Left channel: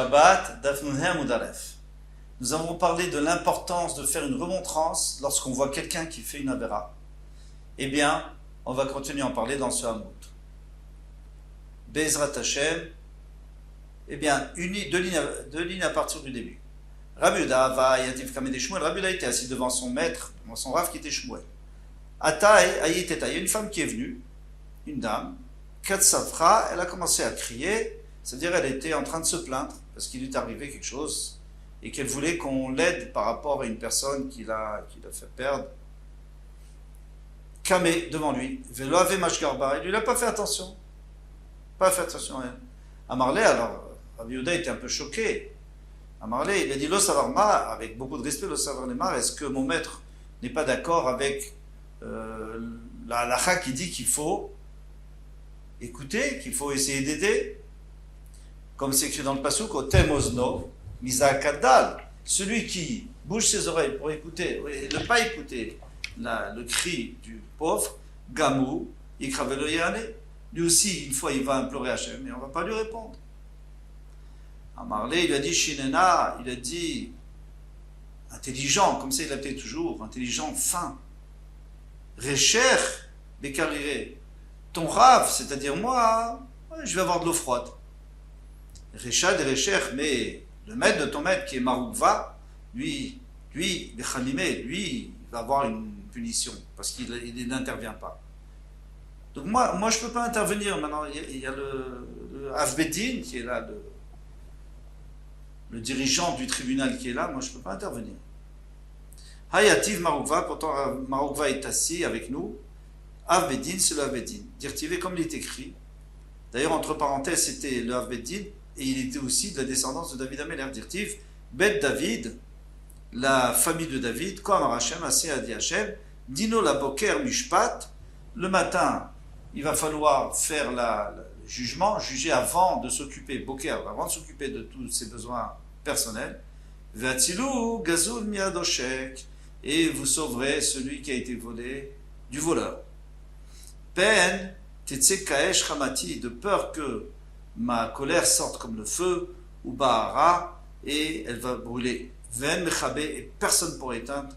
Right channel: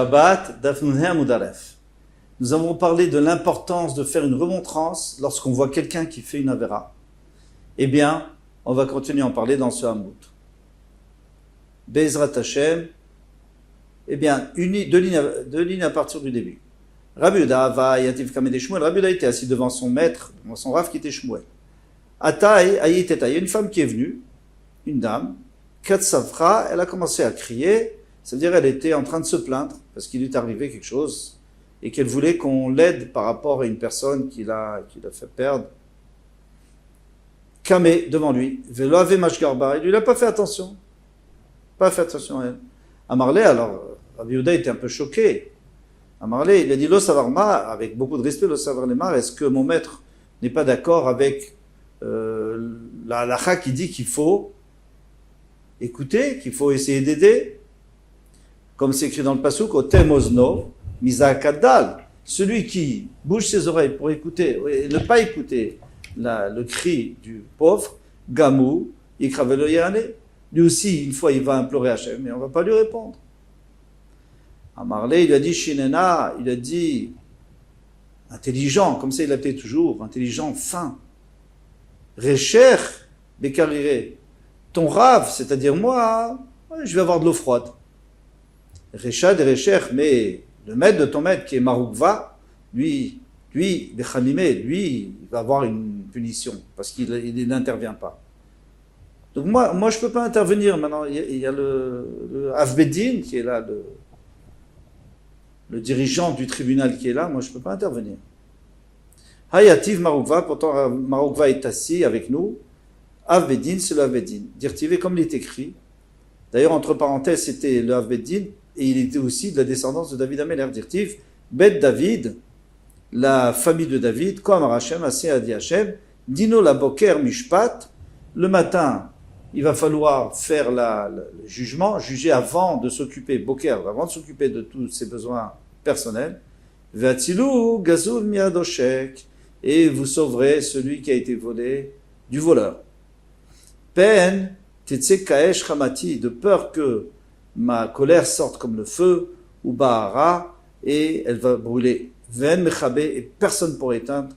Shabbat, Daf Nunhe Amud Aleph. Nous avons parlé de l'importance de faire une remontrance lorsqu'on voit quelqu'un qui fait une avéra. Eh bien, on va continuer à en parler dans ce Hamoud. Bezrat Hashem, eh bien, deux lignes à partir du début. Rabbi Yehuda va Yativ Kameh Shmuel. Rabbi Yehuda était assis devant son maître, devant son Rav qui était Shmuel. Ataï, Ayiteta, il y a une femme qui est venue, une dame, Katsavra, elle a commencé à crier, c'est-à-dire elle était en train de se plaindre parce qu'il lui est arrivé quelque chose et qu'elle voulait qu'on l'aide par rapport à une personne qui l'a fait perdre. Kameh devant lui, Velo Ave Mashgarba, il lui n'a pas fait attention. Pas fait attention à elle. Amarlé, alors, Rabbi Yehuda était un peu choqué. Amarlé, il a dit Lo Savarma, avec beaucoup de respect, Lo Savarma, est-ce que mon maître n'est pas d'accord avec la halakha qui dit qu'il faut écouter, qu'il faut essayer d'aider, comme c'est écrit dans le pasuk, Otem Ozno, Misa Kaddal, celui qui bouge ses oreilles pour écouter, et ne pas écouter le cri du pauvre, Gamou, Ikravelo Yane, lui aussi, une fois, il va implorer Hachem, mais on ne va pas lui répondre. Amarlé, il a dit Shinena, il a dit intelligent, comme ça il l'appelait toujours, intelligent, fin. Recher, Bekarire, ton rave, c'est-à-dire moi, je vais avoir de l'eau froide. Rechad et Recher, mais le maître de ton maître qui est Maroukva, lui, Bechamimé, lui, il va avoir une punition parce qu'il n'intervient pas. Donc moi je ne peux pas intervenir maintenant. Il y a le Avbedin qui est là, le dirigeant du tribunal qui est là, moi je ne peux pas intervenir. Hayativ Maroukva, pourtant Maroukva est assis avec nous. Avbedin, c'est le Avbedin. Dirtivé comme il est écrit. D'ailleurs, entre parenthèses, c'était le Avbedin et il était aussi de la descendance de David Améler. Dirtiv, Bet David, la famille de David, comme Hashem, Aseh Adi Hashem, Dino la Boker Mishpat, le matin, il va falloir faire le jugement, juger avant de s'occuper, Boker, avant de s'occuper de tous ses besoins personnels. Ve'atzilu Gazul Miadoshek, et vous sauverez celui qui a été volé du voleur. Pen, Tetse Kaesh Chamati, de peur que ma colère sorte comme le feu, ou Bahara, et elle va brûler. Ven Mechabe, et personne pour éteindre.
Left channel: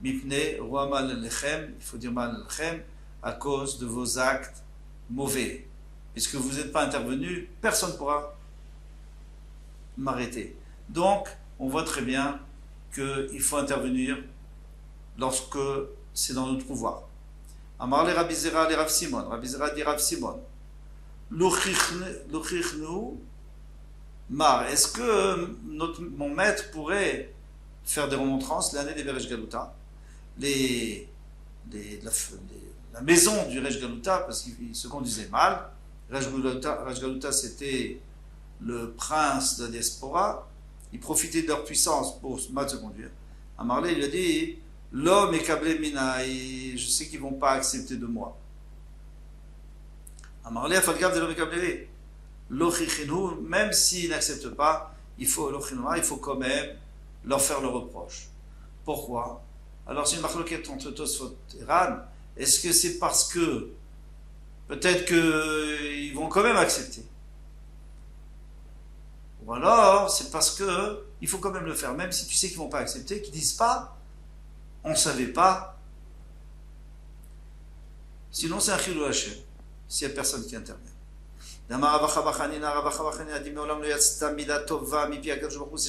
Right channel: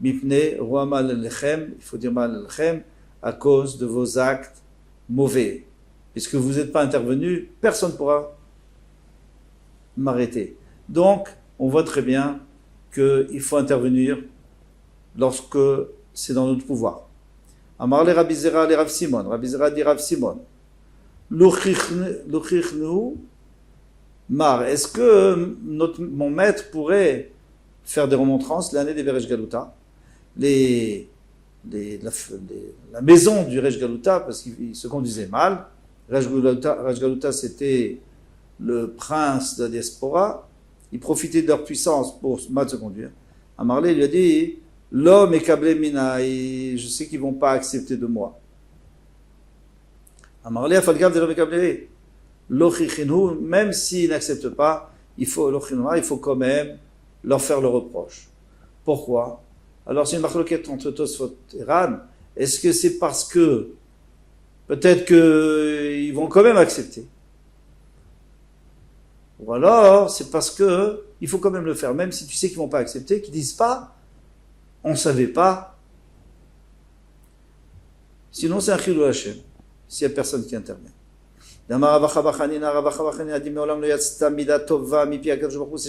Mipne, Roi Mal Lechem, il faut dire Mal Lechem, à cause de vos actes mauvais. Puisque vous n'êtes pas intervenu, personne ne pourra m'arrêter. Donc, on voit très bien qu'il faut intervenir lorsque c'est dans notre pouvoir. Amar le Rabbi Zera le Rav Simon. Rabbi Zera dit Rav Simon. Luchichnu Mar. Est-ce que mon maître pourrait faire des remontrances l'année des Veresh Galuta, la maison du Resh Galuta, parce qu'il se conduisait mal. Resh Galuta, c'était le prince de la diaspora. Il profitait de leur puissance pour mal se conduire. Amarlé lui a dit l'homme est câblé mina, et je sais qu'ils ne vont pas accepter de moi. Amarlé a falgav de l'homme est câblé. L'ochichinu, même s'ils n'acceptent pas, il faut quand même leur faire le reproche. Pourquoi? Alors c'est une marloquette entre Tosfot et Ran. Est-ce que c'est parce que peut-être qu'ils vont quand même accepter? Ou alors c'est parce que il faut quand même le faire, même si tu sais qu'ils ne vont pas accepter, qu'ils ne disent pas on ne savait pas. Sinon c'est un chilou Hashem, s'il n'y a personne qui intervient. C'est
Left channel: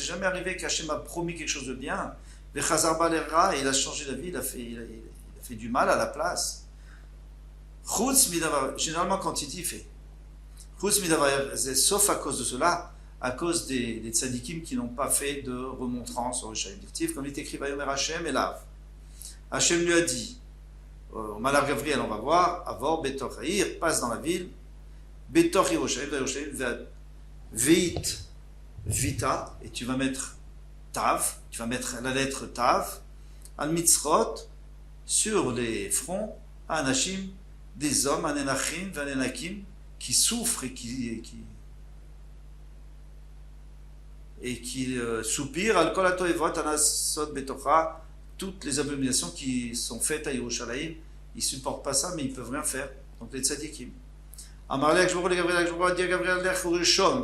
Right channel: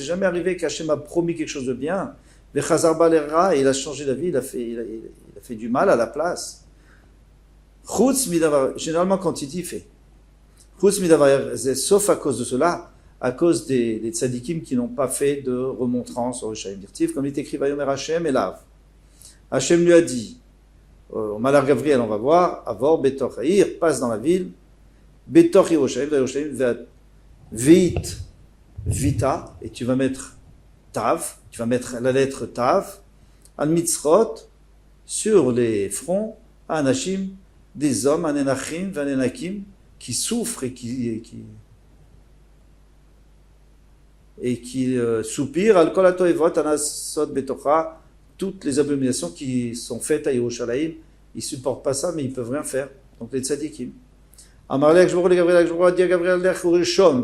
jamais arrivé qu'Hachem a promis quelque chose de bien. Et il a changé la vie, il a fait du mal à la place. Généralement, quand il dit, fait. Sauf à cause de cela, à cause des tzadikim qui n'ont pas fait de remontrance au Rishaim Dirtiv, comme il est écrit, Vayomer Hachem et Lav. Hachem lui a dit, au Malach Gabriel, on va voir, Avor Betor Haïr, passe dans la ville, Betor Yerushalayim, Veit, Vita, et tu vas mettre Tav, tu vas mettre la lettre Tav, Al Mitzrot, sur les fronts, Anashim, des hommes, Anenachim, Vanenakim, qui souffrent et qui soupirent, Al Kolato Evot, Anasot Betocha, toutes les abominations qui sont faites à Yerushalayim, ils ne supportent pas ça, mais ils ne peuvent rien faire. Donc les tzadikim. Amarlek, je vous Gabriel,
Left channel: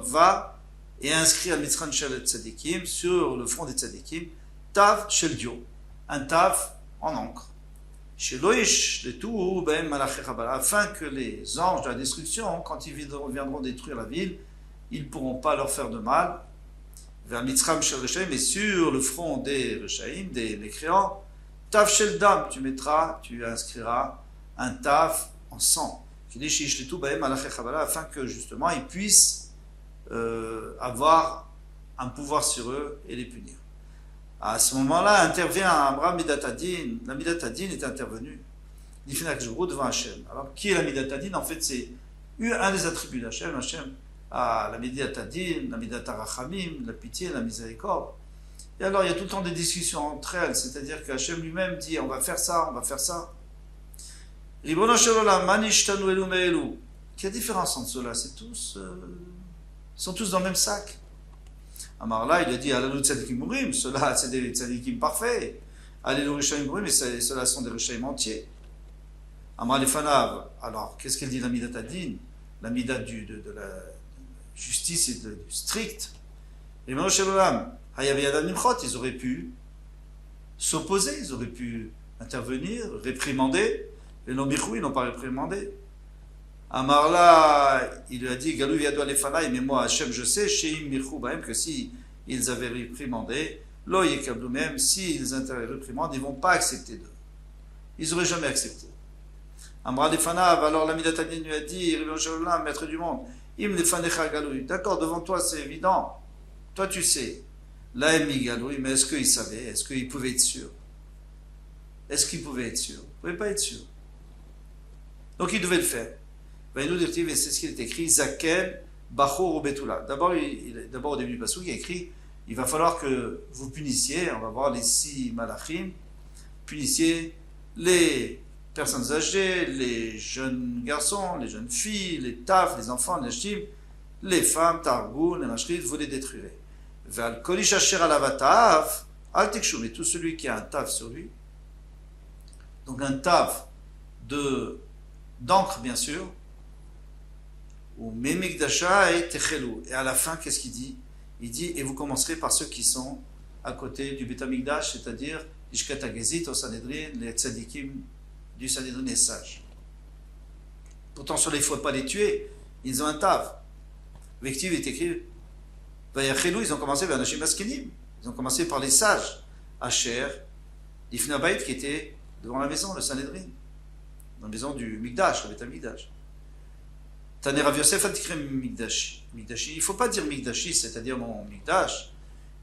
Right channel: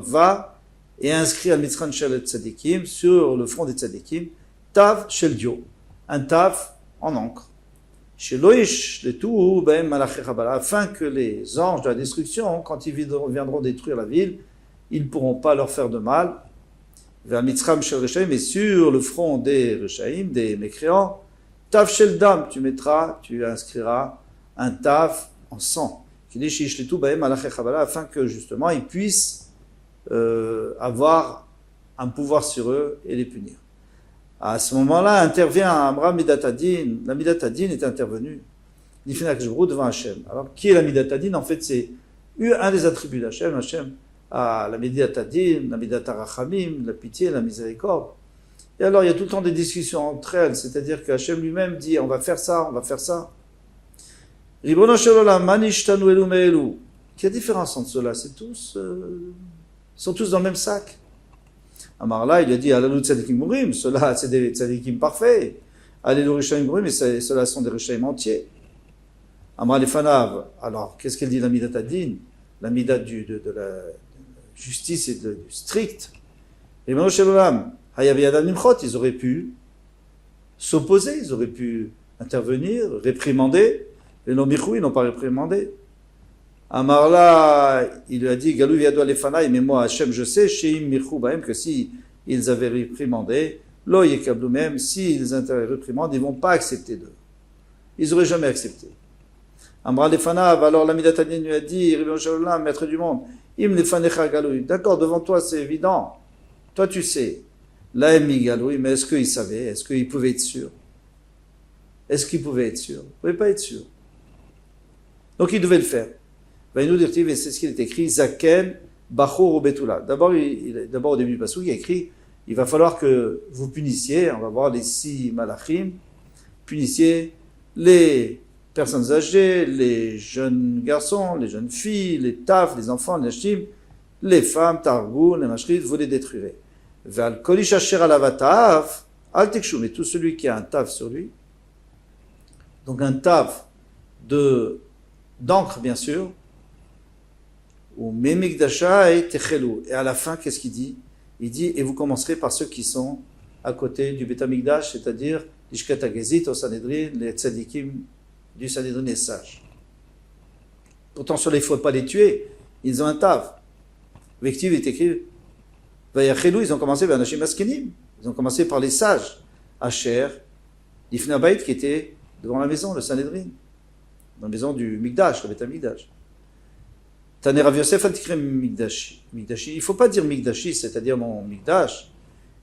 va et inscrit al Mitzran Shel Tzadikim, sur le front des Tzadikim, Tav Shel Dio, un Tav en encre. Chez Loïch, le tout, afin que les anges de la destruction, quand ils viendront détruire la ville, ils ne pourront pas leur faire de mal. Vers Mitzram Shel Reshaim, mais sur le front des Reshaim, des mécréants, Tav Shel Dam, tu inscriras un Tav en sang. Afin que justement ils puissent avoir un pouvoir sur eux et les punir. À ce moment-là, intervient Amram Midatadin. La Midatadin est intervenue. Devant Hachem. Alors, qui est la Midatadin? En fait, c'est un des attributs d'Hachem. Hachem a la Midatadin, la Midatarachamim, la pitié, la miséricorde. Et alors, il y a tout le temps des discussions entre elles. C'est-à-dire que Hachem lui-même dit, on va faire ça, on va faire ça. Ribono shel olam, manishtanu elu me'elu. Quelle différence entre ceux-là? C'est tous, ils sont tous dans le même sac. Amar-là, il a dit, Alalu tzadikim mourim, ceux-là, c'est des tzadikim parfaits. Alalu rishaim mourim, mais ceux-là sont des rishaim entiers. Amar lefanav, alors, qu'est-ce qu'elle dit, la midat adin? La midat de la justice et du strict. Ribono shel olam, hayav yadam nimchot, ils auraient pu s'opposer, ils auraient pu intervenir, réprimander. Les non-michou, ils n'ont pas réprimandé. Amarla, il lui a dit, Galou viado alefanaï, mais moi, Hachem, je sais, Sheim michou bahem, que si ils avaient réprimandé, lo yekablou même, s'ils réprimandent, ils ne vont pas accepter d'eux. Ils n'auraient jamais accepté. Amra lefanav, alors la Midatadin lui a dit, maître du monde, im lefanecha galou, d'accord, devant toi, c'est évident. Toi, tu sais. La emi galou, mais est-ce qu'ils savaient? Est-ce qu'ils pouvaient être sûrs? Est-ce qu'ils pouvaient être sûrs? Ils ne pouvaient pas être sûrs. Donc, ils devaient le faire. Et c'est ce qu'il est écrit, Zaken, Bachor ou Betula. D'abord, au début du passage, il y a écrit, il va falloir que vous punissiez, on va voir les 6 malachim, punissiez les personnes âgées, les jeunes garçons, les jeunes filles, les taf, les enfants, les nashim, les femmes, targou, les mashrit, vous les détruirez. Val kolish asher alavatav, al tekshu, mais tout celui qui a un taf sur lui, donc un taf d'encre, bien sûr, ou memikdasha et techelu. Et à la fin, qu'est-ce qu'il dit? Il dit, et vous commencerez par ceux qui sont à côté du Beth Amikdash, c'est-à-dire l'Ishkat HaGezit, au Sanhedrin, les tzadikim du Sanhedrin et sages. Pourtant, sur les, il ne faut pas les tuer, ils ont un tav. Vectiv est écrit, Vayachelu, ils ont commencé vers Nashim Askenim, ils ont commencé par les sages, Asher, l'Ifnabait qui était devant la maison, le Sanhedrin, dans la maison du Mikdash, le Beth Amikdash. Taner Rav Yosef Antikre Mikdashi. Il ne faut pas dire Mikdashi, c'est-à-dire mon Mikdash.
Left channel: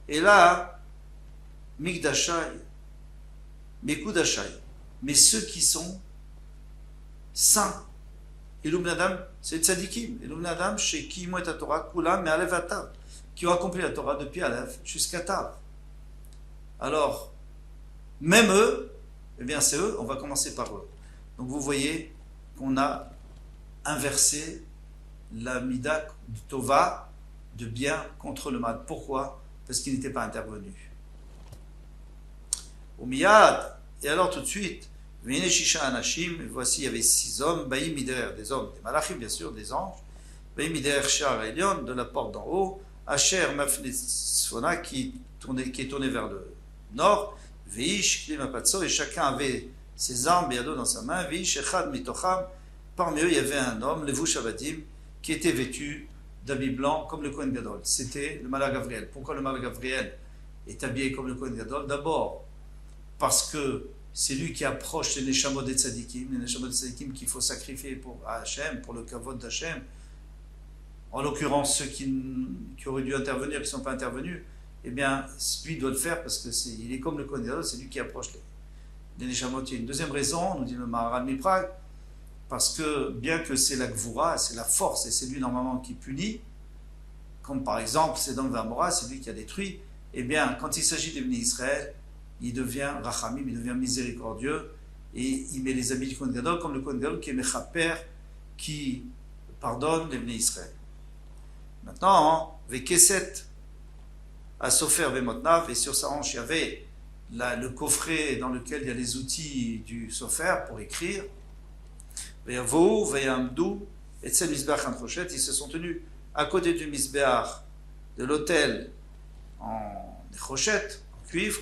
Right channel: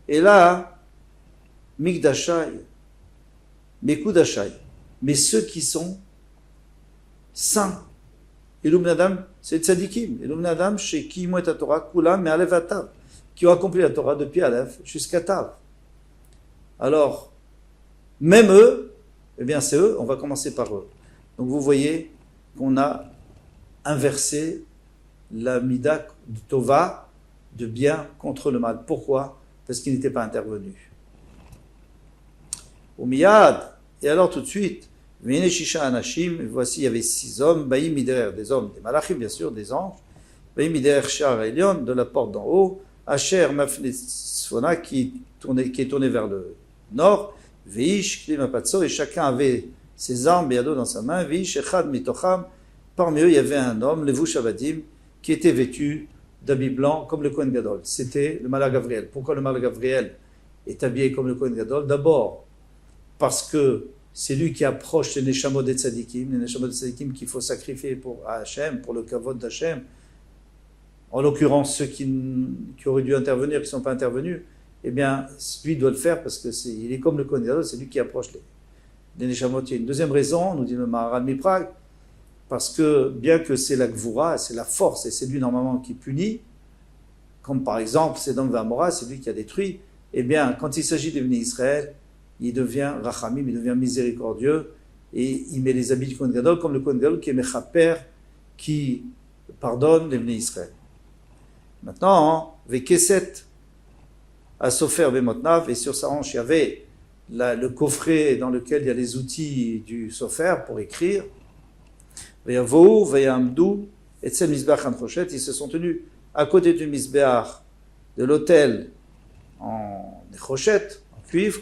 Et là, Mikdashai, Mekudashai. Mais ceux qui sont saints. Elum Nadam, c'est Tzadikim. Elum Nadam, chez qui mouet à Torah, Kulam, mais Alev Atav, qui ont accompli la Torah depuis Alev jusqu'à Tav. Alors, même eux, eh bien c'est eux, on va commencer par eux. Donc vous voyez qu'on a inversé la mida du tova, de bien contre le mal. Pourquoi? Parce qu'il n'était pas intervenu. Au miyad, et alors tout de suite, Vene Shisha Anashim, voici il y avait 6 hommes, Baïm Mider, des hommes, des malachim bien sûr, des anges, Baïm Mider Shar Elion, de la porte d'en haut, Asher Mafnesfona, qui est tourné vers le nord, Veish Klimapatso, et chacun avait ses armes, Béado dans sa main, Veish Echad Mitocham, parmi eux il y avait un homme, Levush Avadim, qui était vêtu d'habits blancs comme le Kohen Gadol. C'était le Malach Gavriel. Pourquoi le Malach Gavriel est habillé comme le Kohen Gadol? D'abord, parce que c'est lui qui approche les Neshamot des Tzadikim, les Neshamot des Tzadikim qu'il faut sacrifier pour Hachem, pour le Kavod d'Hachem. En l'occurrence, ceux qui auraient dû intervenir, qui ne sont pas intervenus, eh bien, lui doit le faire parce qu'il est comme le Kohen Gadol, c'est lui qui approche les Neshamot. Il y a une deuxième raison, nous dit le Maharal Miprag, parce que bien que c'est la Gvura, c'est la force, et c'est lui normalement qui punit, comme par exemple c'est dans le Vamora, c'est lui qui a détruit, eh bien quand il s'agit de venir Israël, il devient Rachamim, il devient miséricordieux, et il met les habits du Kohen Gadol, comme le Kohen Gadol qui est Mechaper, qui pardonne les venus Israël. Maintenant, Vekeset, à Sofer Bemotnav, et sur sa hanche il y avait le coffret dans lequel il y a les outils du Sofer pour écrire, Vayavou, Vayamdou, et Tzel Mizbeach Anchoshet, ils se sont tenus à côté du Mizbeach de l'autel en néchochette, en cuivre.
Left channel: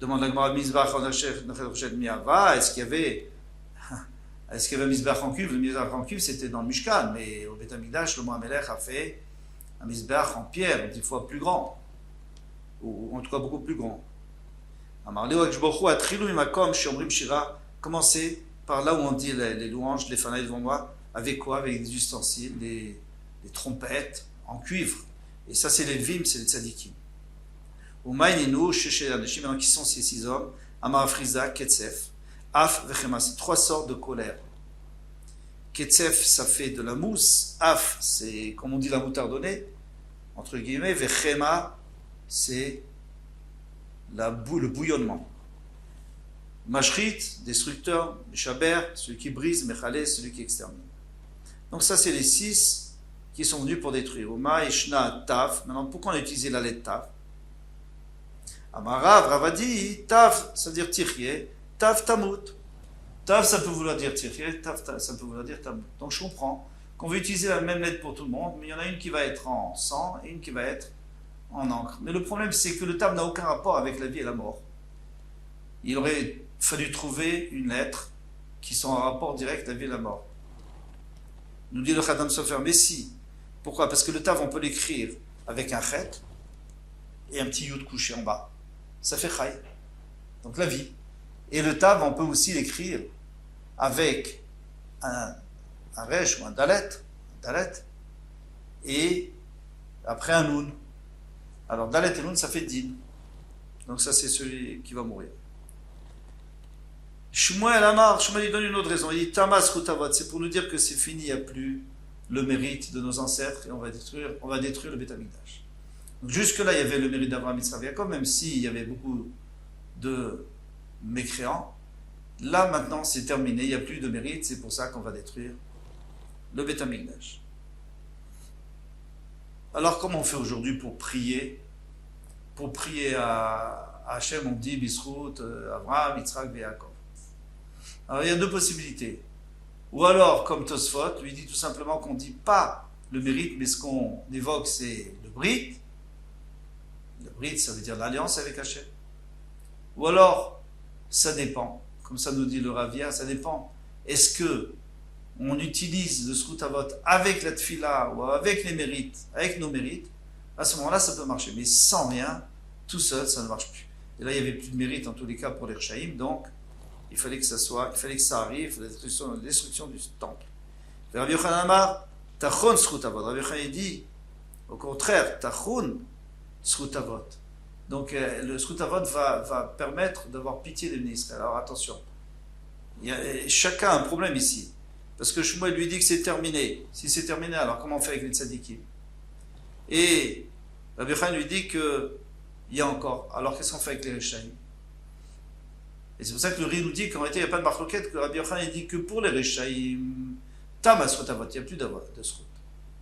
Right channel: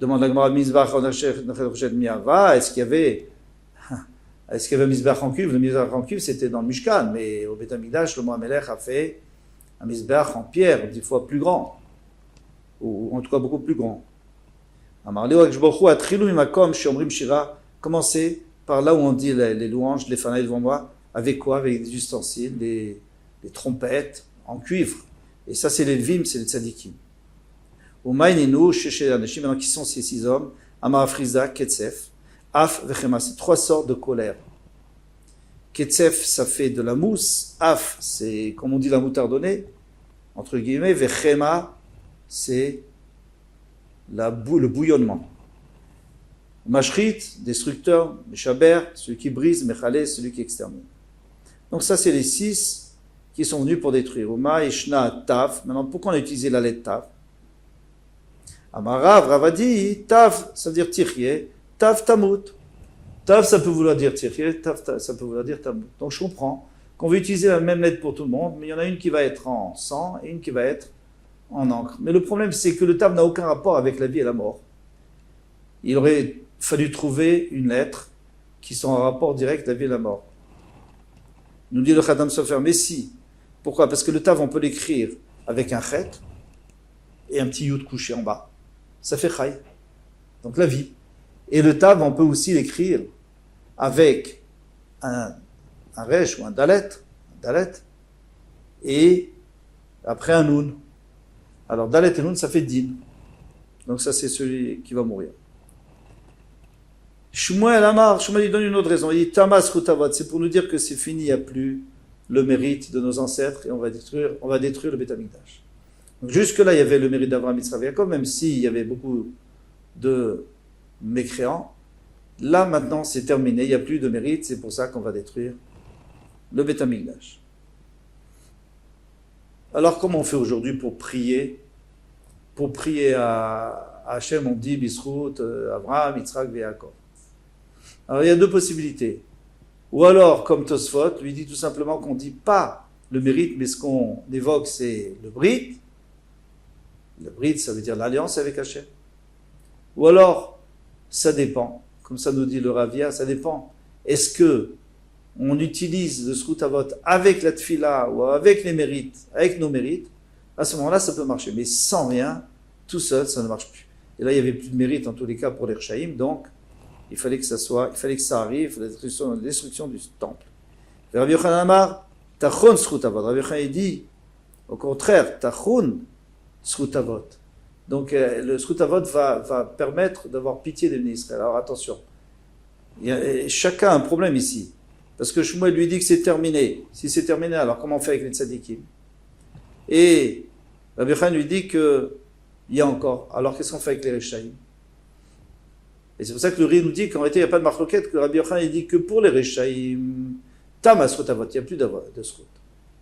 Demande la Gemara Mizbach en néchochette miava. Est-ce qu'il y avait un Mizbach en cuivre? Le Mizbach en cuivre, c'était dans le Mishkan, mais au Beth Amikdash, le Mohamelech a fait un Mizbach en pierre, 10 fois plus grand, ou en tout cas beaucoup plus grand. Commencez par là où on dit les louanges, les fanaïs devant moi, avec quoi? Avec des ustensiles, des trompettes en cuivre. Et ça, c'est les Levim, c'est les tzadikim. Maintenant, qui sont ces 6 hommes? Amar Friza, Ketsef, Af, Vechema, c'est 3 sortes de colère. Ketsef, ça fait de la mousse. Af, c'est, comme on dit, la moutardonnée, entre guillemets. Vechema, c'est le bouillonnement. Mashrit, destructeur. Meshaber, celui qui brise. Mechalé, celui qui extermine. Donc ça, c'est les 6 qui sont venus pour détruire. Uma, Ishna, Taf. Maintenant, pourquoi on a utilisé la lettre Taf? Amarav, Ravadi, Taf, ça veut dire Tirye. Taf, Tamut. Taf, ça peut vouloir dire Tirye. Taf, ça peut vouloir dire Tamut. Donc je comprends qu'on veut utiliser la même lettre pour tout le monde, mais il y en a une qui va être en sang et une qui va être en encre. Mais le problème, c'est que le Taf n'a aucun rapport avec la vie et la mort. Il aurait fallu trouver une lettre qui soit en rapport direct avec la vie et la mort. Nous dit le Khatam Sofer, mais si. Pourquoi? Parce que le Tav, on peut l'écrire avec un chet et un petit yud couché en bas. Ça fait chai. Donc la vie. Et le Tav, on peut aussi l'écrire avec un resh ou un dalet, et après un nun. Alors dalet et nun, ça fait din. Donc ça, c'est celui qui va mourir. Shmuel Amar, Shmuel il donne une autre raison. Il dit Tamas Chutavot, c'est pour nous dire que c'est fini, il n'y a plus le mérite de nos ancêtres et on va détruire le Beth Amikdash. Donc jusque-là, il y avait le mérite d'Abraham, Yitzhak et Yaakov, même s'il y avait beaucoup de mécréants. Là, maintenant, c'est terminé, il n'y a plus de mérite, c'est pour ça qu'on va détruire le Beth Amikdash. Alors, comment on fait aujourd'hui pour prier? Pour prier à Hachem, on dit Bisrout, Abraham, Yitzhak et Yaakov. Alors, il y a 2 possibilités. Ou alors, comme Tosfot, lui dit tout simplement qu'on ne dit pas le mérite, mais ce qu'on évoque, c'est le Brit. Le Brit, ça veut dire l'alliance avec Hachem. Ou alors, ça dépend. Comme ça nous dit le Ravia, ça dépend. Est-ce que on utilise le Srutavot avec la Tfila ou avec les mérites, avec nos mérites? À ce moment-là, ça peut marcher. Mais sans rien, tout seul, ça ne marche plus. Et là, il n'y avait plus de mérite en tous les cas pour les Rechaïm, donc il fallait que ça arrive, la destruction du temple. Rabbi Yochanan Amar, Tachon Srutavot. Rabbi Yochanan dit, au contraire, Tachon Srutavot. Donc le Srutavot va permettre d'avoir pitié des ministres. Alors attention, chacun a un problème ici. Parce que Shmuel lui dit que c'est terminé. Si c'est terminé, alors comment on fait avec les tzadikim? Et Rabbi Yochanan lui dit qu'il y a encore. Alors qu'est-ce qu'on fait avec les Rechaïm? Et c'est pour ça que le Ri nous dit qu'en réalité, il n'y a pas de marloquette, que Rabbi Yochanan dit que pour les Rechaïm, Tam Srutavot, il n'y a plus de Srut.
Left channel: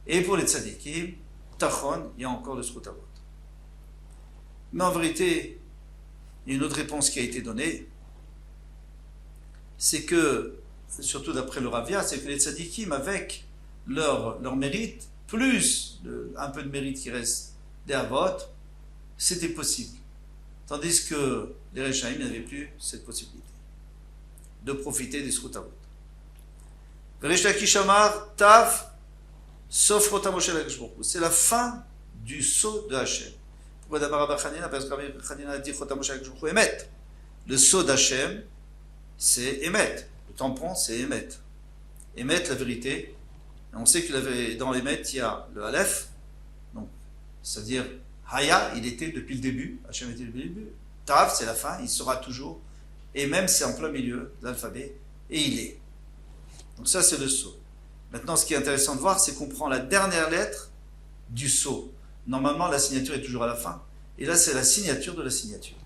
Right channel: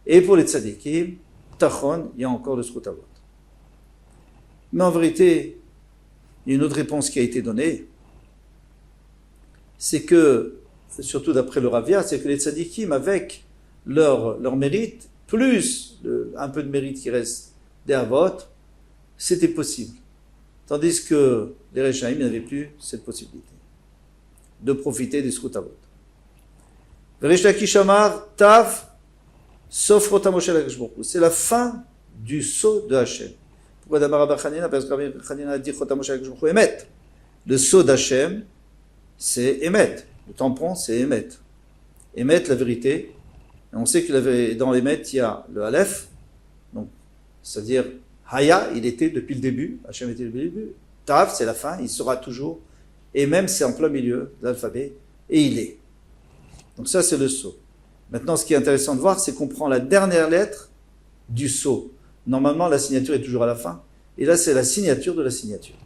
Et pour les tzadikim, Tachon, il y a encore le Srutavot. Mais en vérité, il y a une autre réponse qui a été donnée. C'est que, surtout d'après le Ravia, c'est que les tzadikim, avec leur mérite, plus un peu de mérite qui reste des Avot, c'était possible. Tandis que les Rechaïm n'avaient plus cette possibilité de profiter des Srutavot. Veresh Lakish Amar, Tav, sauf Rotamoshe Lakashbourkou. C'est la fin du sceau de Hachem. Pourquoi d'abord Rabbi Chanina? Parce que Rabbi Chanina a dit Rotamoshe Lakashbourkou Emet. Le sceau d'Hachem, c'est Emet. Le tampon, c'est Emet. Emet, la vérité. Et on sait que dans Emet, il y a le Aleph, donc, c'est-à-dire Haya, il était depuis le début, Hachem était depuis le début. Tav, c'est la fin, il sera toujours. Et même, c'est en plein milieu de l'alphabet, et il est. Donc ça, c'est le sceau. Maintenant, ce qui est intéressant de voir, c'est qu'on prend la dernière lettre du sceau. Normalement, la signature est toujours à la fin. Et là, c'est la signature de la signature.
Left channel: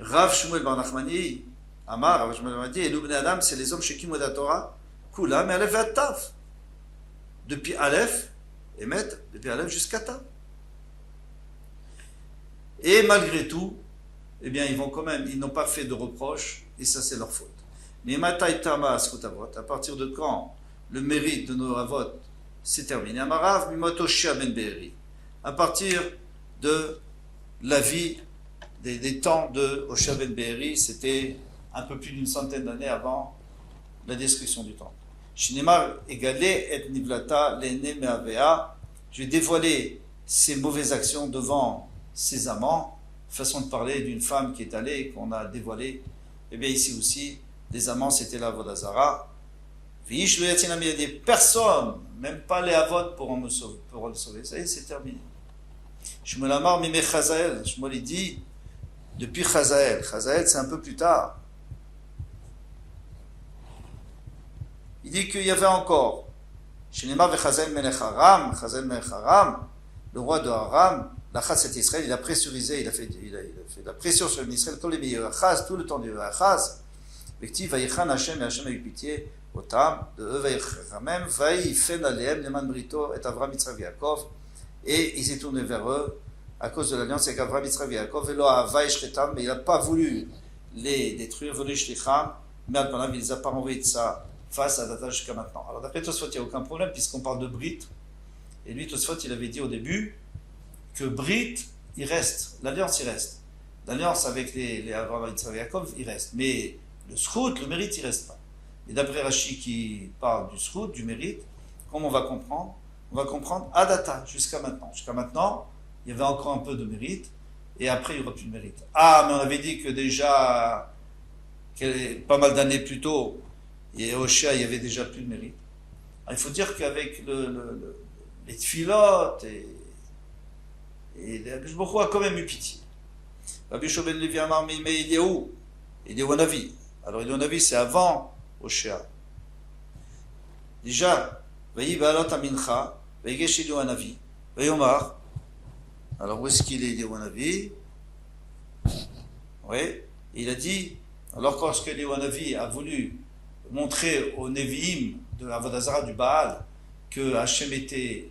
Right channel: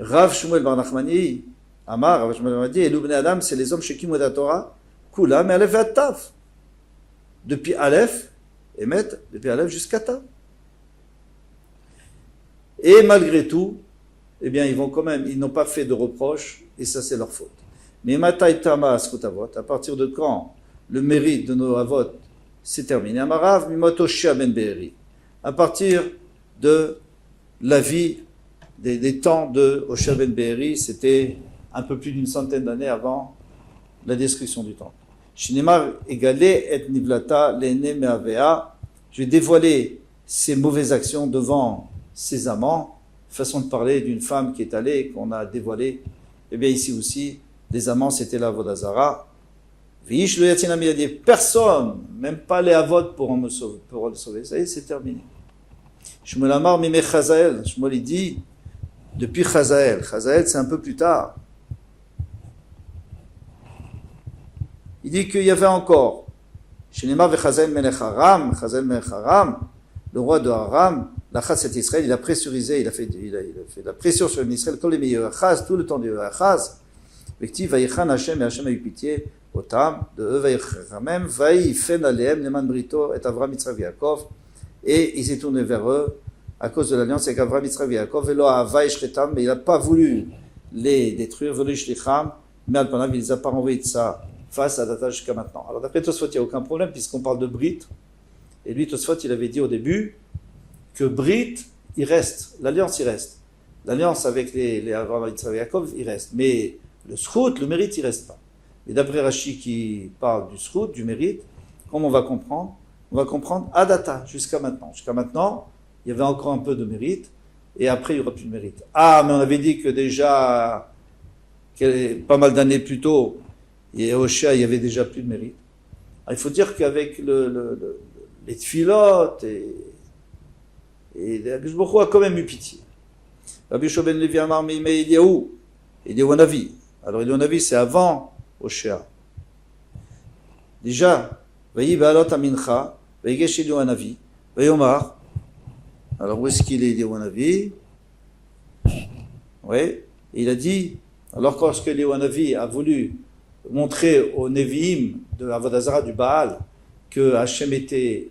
Rav Shmuel Bar Nachmani, Amar, Rav Shmuel Bar Nachmani, et l'Ubne Adam, c'est les hommes chez qui la Torah, Kula, mais Aleph et Tav. Depuis Aleph, Emet, depuis Aleph jusqu'à Tav. Et malgré tout, eh bien, ils n'ont pas fait de reproches, et ça, c'est leur faute. Mais Matai Tama Srutavot, à partir de quand le mérite de nos Avot c'est terminé. Amarav mimoto Oshia ben Be'eri. À partir de la vie, des temps de Oshia ben Be'eri, c'était un peu plus d'une centaine d'années avant la destruction du temple. Shinemar égalé et nivlata l'ene me'avea. Je vais dévoiler ses mauvaises actions devant ses amants. Façon de parler d'une femme qui est allée, qu'on a dévoilée. Eh bien ici aussi, les amants c'était la Vodazara. Vish le yatinam, il a dit personne, même pas les avot pour le sauver. Ça y est, c'est terminé. Shmuel Amar mime Chazael. Shmuel il dit depuis Chazael. Chazael c'est un peu plus tard. Il dit qu'il y avait encore Shinema vechazel melech Aram, Chazael melech Aram, le roi de Aram, l'Achaz c'est Israël, il a pressurisé, il a fait de la pression sur Israël, comme les meilleurs Achaz, tout le temps du Achaz. Vekti vayichan Hashem, et Hashem a eu pitié, Otam, de eux vayichamem, vayifen aleem, leman brito, et Avram Yitzchak Yaakov, et il s'est tourné vers eux à cause de l'alliance avec Avram Yitzchak Yaakov, et lo hava ishretam, mais il n'a pas voulu les détruire, velo ishlicham, mais alpanav, il les a pas renvoyés de ça face à data jusqu'à maintenant. Alors d'après Tosfot, il n'y a aucun problème puisqu'on parle de Brit, et lui Tosfot, il avait dit au début que Brit, il reste, l'alliance il reste. L'alliance avec les Avram Yitzchak Yaakov, il reste. Mais le Srout, le mérite, il reste pas. Et d'après Rashi qui parle du Srout, du mérite, comme on va comprendre Adata, jusqu'à maintenant. Jusqu'à maintenant, il y avait encore un peu de mérite, et après il n'y aura plus de mérite. Ah, mais on avait dit que déjà, pas mal d'années plus tôt, et Oshia, il y avait déjà plus de mérite. Alors, il faut dire qu'avec les tfilotes, et Akadosh Baruch Hu a quand même eu pitié. Rabbi Yoshua ben Levi Amar Meimei Eliyahu, Eliyahu Hanavi. Alors Eliyahu Hanavi, c'est avant Oshia. Déjà, Vayi Baalot Amincha, Vayigesh Eliyahu Hanavi, Vayomar. Alors où est-ce qu'il est Eliyahu Hanavi? Oui, et il a dit, alors lorsque Eliyahu Hanavi a voulu montrer aux Nevi'im de Avodazara du Baal que Hachem était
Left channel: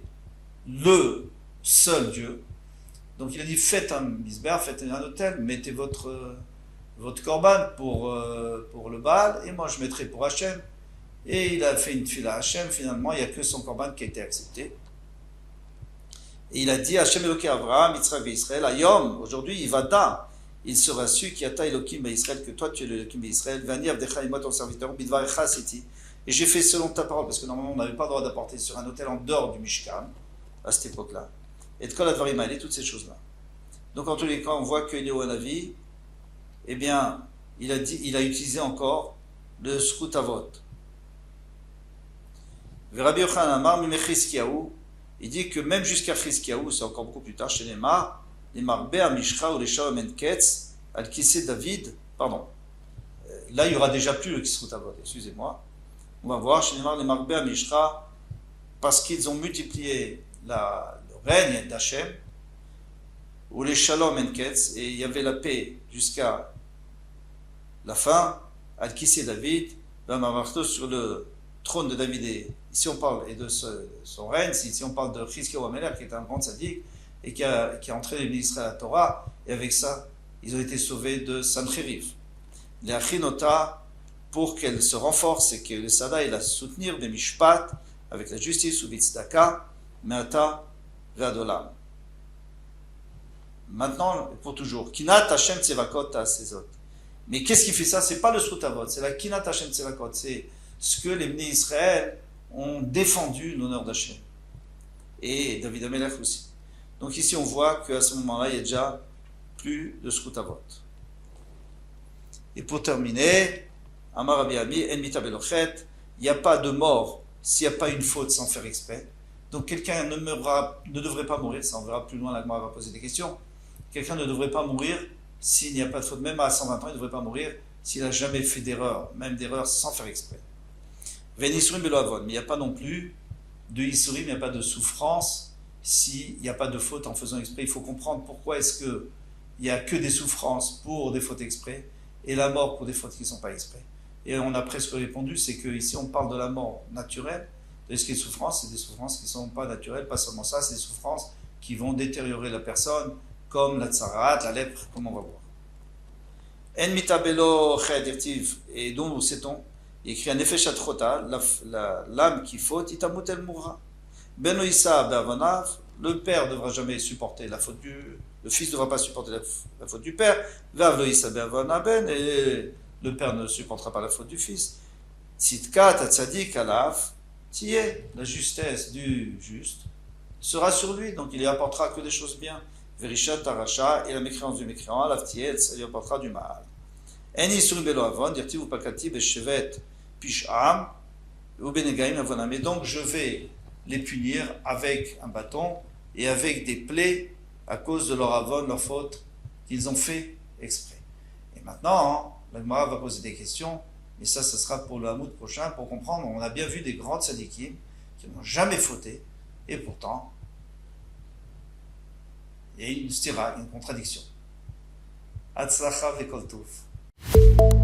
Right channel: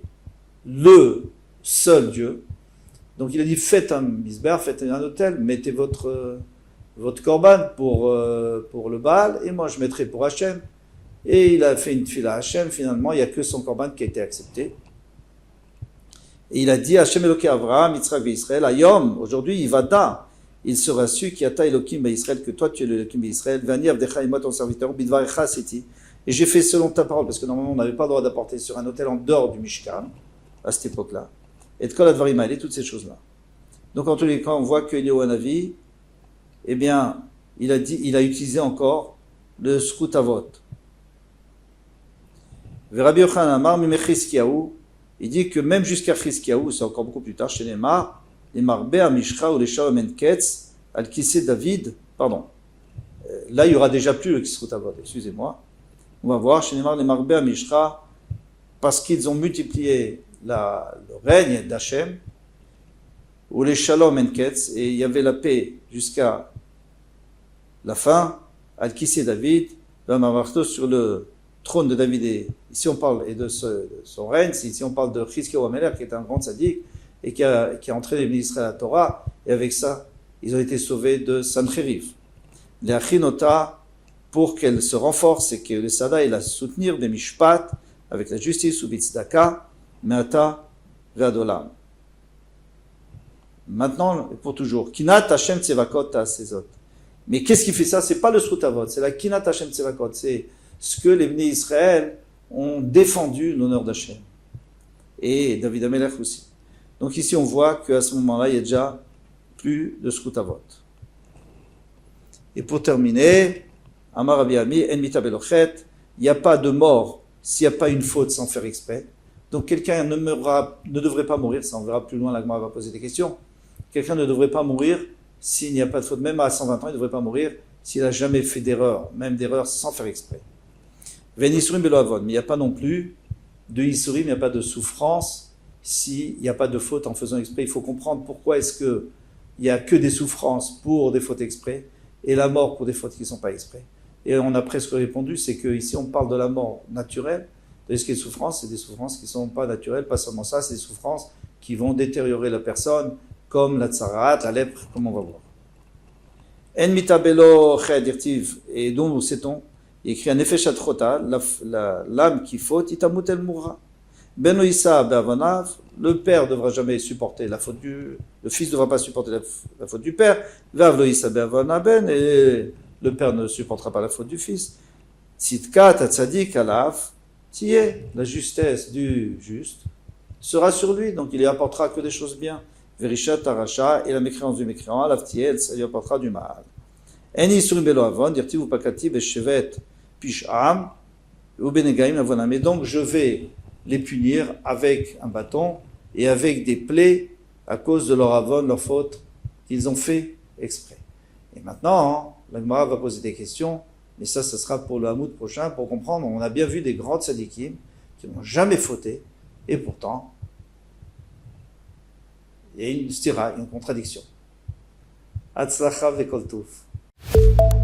le seul Dieu, donc il a dit faites un misber, faites un autel, mettez votre korban pour le Baal et moi je mettrai pour Hachem. Et il a fait une tefila à Hachem, finalement il n'y a que son korban qui a été accepté. Et il a dit Hachem Eloké Avraham, Yitzchak et Israël, Ayom, aujourd'hui Ivada, il sera su qui ata Elokim Israël, que toi tu es le Elokim Israël, Vani Avdecha et moi ton serviteur, Bidvarecha Siti. Et j'ai fait selon ta parole, parce que normalement on n'avait pas le droit d'apporter sur un autel en dehors du Mishkan, à cette époque-là. Et de Kol Advarim Haele, toutes ces choses-là. Donc en tous les cas, on voit que Eliyahu Hanavi, eh bien, il a utilisé encore le Srut Avot. Rabbi Yochanan Amar Mime Chizkiyahu, il dit que même jusqu'à Chizkiyahu, c'est encore beaucoup plus tard, chez les Marbe Amishcha ou les Shalom Enketz, Al-Kisé David, pardon. Là, il y aura déjà plus le Srut Avot, excusez-moi. On va voir, chez les Marbe Amishcha, parce qu'ils ont multiplié le règne d'Hachem, ou les Shalom Enketz, et il y avait la paix jusqu'à la fin, Al-Kisé David, sur le trône de David, et ici on parle et de son règne, ici on parle de Chizkiyahu Amelech, qui est un grand sadique, et qui a entraîné les Israël à la Torah, et avec ça, ils ont été sauvés de Sancheriv. Les Achinota, pour qu'elle se renforce, et que le Sada, il a soutenir des Mishpat, avec la justice, ou Bitzdaka, Meata, Ve'adolam. Maintenant, pour toujours, Kinat Hashem Tsevakot Asezot. Mais qu'est-ce qui fait ça? C'est pas le Srut Avot, c'est la Kinat Hashem Tsevakot, c'est ce que les Bnei Israël ont défendu l'honneur d'Hachem. Et David Amelech aussi. Donc ici on voit qu'à ce moment-là, il y a déjà plus de Srut Avot. Et pour terminer, Amar Rabbi Ami, En Mita Belochet, il n'y a pas de mort s'il n'y a pas une faute sans faire exprès. Donc quelqu'un ne devrait pas mourir, ça on verra plus loin, la Gemara va poser des questions. Quelqu'un ne devrait pas mourir s'il n'y a pas de faute, même à 120 ans, il ne devrait pas mourir s'il n'a jamais fait d'erreur, même d'erreur sans faire exprès. Venisurim belo avon, mais il n'y a pas non plus de isurim, il n'y a pas de souffrance s'il n'y a pas de faute en faisant exprès. Il faut comprendre pourquoi est-ce qu'il n'y a que des souffrances pour des fautes exprès et la mort pour des fautes qui ne sont pas exprès. Et on a presque répondu, c'est qu'ici on parle de la mort naturelle, de ce qui est souffrance, c'est des souffrances qui ne sont pas naturelles, pas seulement ça, c'est des souffrances qui vont détériorer la personne, comme la tsarat, la lèpre, comme on va voir. En mitabelo chedirtiv, et donc sait-on, il écrit un effet chatrota, l'âme qui faute, itamut el mourra. Beno Issa be'avonav, le père ne devra jamais supporter la faute le fils ne devra pas supporter la faute du père. Vav lo Issa be'avonav ben, et le père ne supportera pas la faute du fils. Tzidkat atzadik alav, tiye, la justesse du juste sera sur lui, donc il lui apportera que des choses bien. Verishat aracha, et la mécréance du mécréant, alav tiye, ça lui apportera du mal. En isurim belo avon, dirtiv upakati beshevet pish'am, ou benegaim avonam. Et donc je vais les punir avec un bâton et avec des plaies à cause de leur avon, leur faute qu'ils ont fait exprès. Et maintenant, la Gemara va poser des questions, mais ça sera pour le Hamoud prochain, pour comprendre. On a bien vu des grands tzadikim qui n'ont jamais fauté, et pourtant, il y a une stira, une contradiction. Hatzlacha vekol tov.